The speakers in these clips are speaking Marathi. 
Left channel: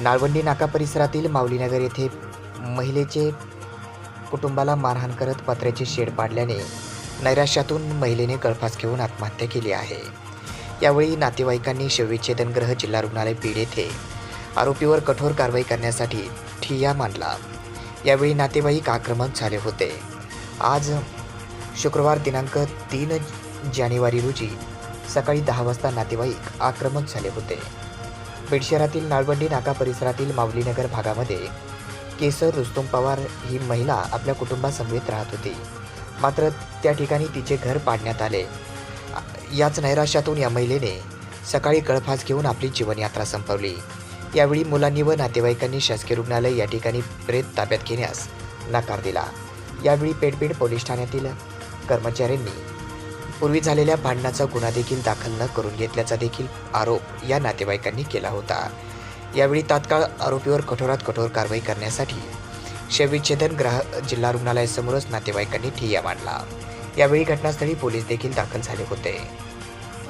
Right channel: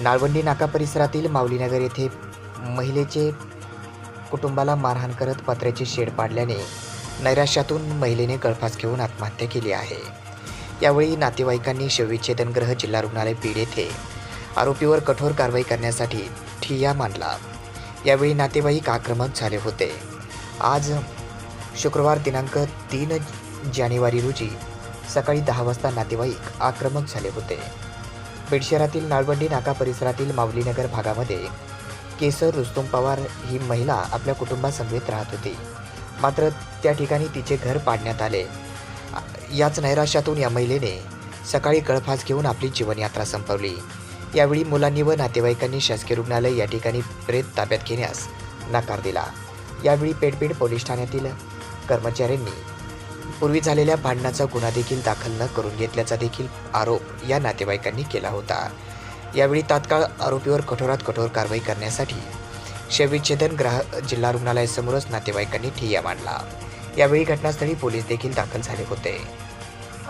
नाळवंडी नाका परिसरातील माऊलीनगर येथे महिलेचे कुटुंबाला मारहाण करत पत्र्याचे शेड पाडल्याने नैराश्यातून महिलेने गळफास घेऊन आत्महत्या केली आहे. यावेळी नातेवाईकांनी शवविच्छेदनग्रह जिल्हा रुग्णालय बीड येथे आरोपीवर कठोर कारवाई करण्यासाठी ठिय्या मांडला. यावेळी नातेवाईक आक्रमक झाले होते. आज शुक्रवार दिनांक तीन जानेवारी रोजी सकाळी दहा वाजता नातेवाईक आक्रमक झाले होते. बीड शहरातील नाळवंडी नाका परिसरातील माऊलीनगर भागामध्ये केसर रुस्तुम पवार ही महिला आपल्या कुटुंबासमवेत राहत होती. मात्र त्या ठिकाणी तिचे घर पाडण्यात आले. याच नैराश्यातून या महिलेने सकाळी गळफास घेऊन आपली जीवनयात्रा संपवली. यावेळी मुलांनी व नातेवाईकांनी शासकीय रुग्णालय या ठिकाणी प्रेत ताब्यात घेण्यास नकार दिला. यावेळी पेटबीड पोलीस ठाण्यातील कर्मचाऱ्यांनी पूर्वी झालेल्या भांडणाचा गुन्हा देखील दाखल न करून घेतल्याचा देखील आरोप या नातेवाईकांनी केला होता. यावेळी तात्काळ आरोपीवर कठोरात कठोर कारवाई करण्यासाठी शवविच्छेदन ग्राह जिल्हा रुग्णालयासमोरच नातेवाईकांनी ठिय्या मांडला. यावेळी घटनास्थळी पोलीस देखील दाखल झाले होते.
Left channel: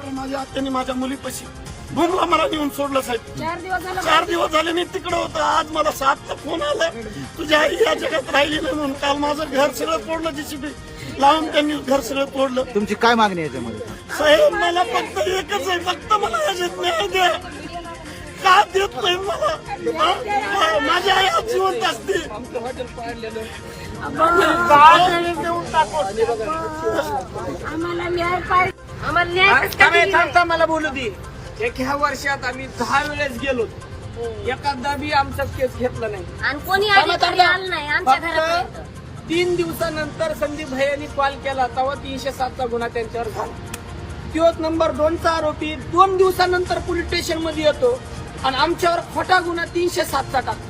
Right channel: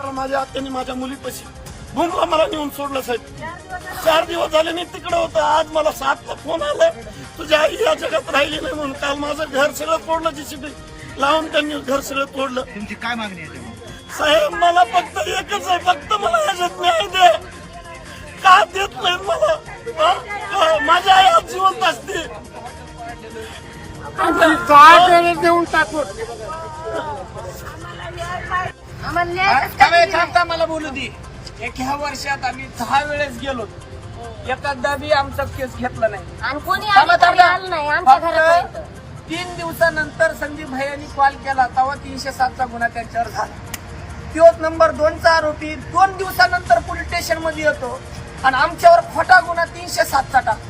माझ्या आत्याने माझ्या मुलीपाशी भूमला मला नेऊन सोडलं साहेब. चार दिवस झाले मी तिकडे होतो. आज मला सातचा फोन आला. तुझ्या आई या जगात राहिली नाही म्हणून काल माझं घर सगळं तोडलं जीसीबी लावून त्यांनी घर सगळं तोडलं. तुमची काय मागणी आहे त्यामध्ये? साहेब मला फक्त एकच आहे फक्त मला याच्यात न्याय द्या का देत नाही मला? हा? हा, माझी आई आज जिवंत असते देऊन टाकू? आम्हाला न्याय थांबे थांब थांब मला बोलू दे. एक ह्या वर्षात आम्ही दहा वेळेस गेलो. एखादा बी आमचा केस घेतला नाही. आणि कोणी थांबा, अधिकारी थांबा. आलं नाही आमच्या फक्त घरापर्यंत. तीन दिवसानंतर संदीप भैयांनी कॉल केला तेव्हा तीनशे सातचा गुन्हा त्यांच्यावर झाला तोच नंबर दोनचा आरोपी दोन दिवसानंतर पोलीस स्टेशनमध्ये येतो आणि आमच्यावर खोटा गुन्हा तीनशे सातचा टाकतो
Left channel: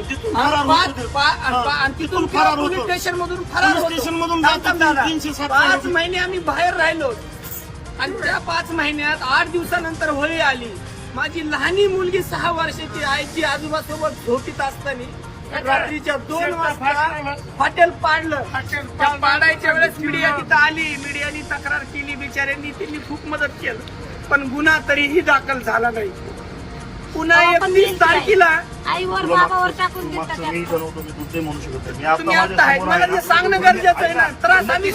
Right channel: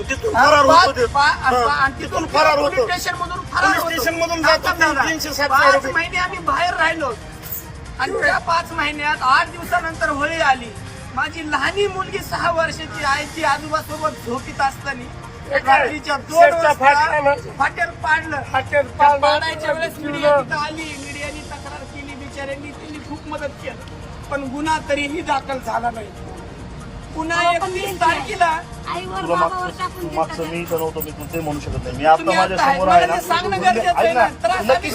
तिथून फरार होतो ते. हा, तिथून होतो स्टेशन मधून फरार पोलीस होतो. स्टेशनमधून थांब, जातो थांब, ते थांब. तीनशे सातचा पाच आरोपी. महिने आम्ही बाहेर राहिलो आणि त्या पाच महिन्यात आठ दिवसानंतर होळी आली माझी लहानी मुलगी सहा वर्षाची आईची आजोबासोबत झोपीत असताना रात्रीच्या दोन वाजता. हॉटेल पाडलं. हॉटेल त्या. पाडायच्या वेळेस मीडिया तिथं आली. मीडियानी तक्रार केली. बिचाऱ्यांनी त्यांनी खूप मदत केलं. पण गुन्हा तरीही दाखल झाला नाही. पुन्हा एकतीस तारखेला तुम्ही आता आहेत मला ते सांगणं गरजेचं आहे ना त्रास आम्ही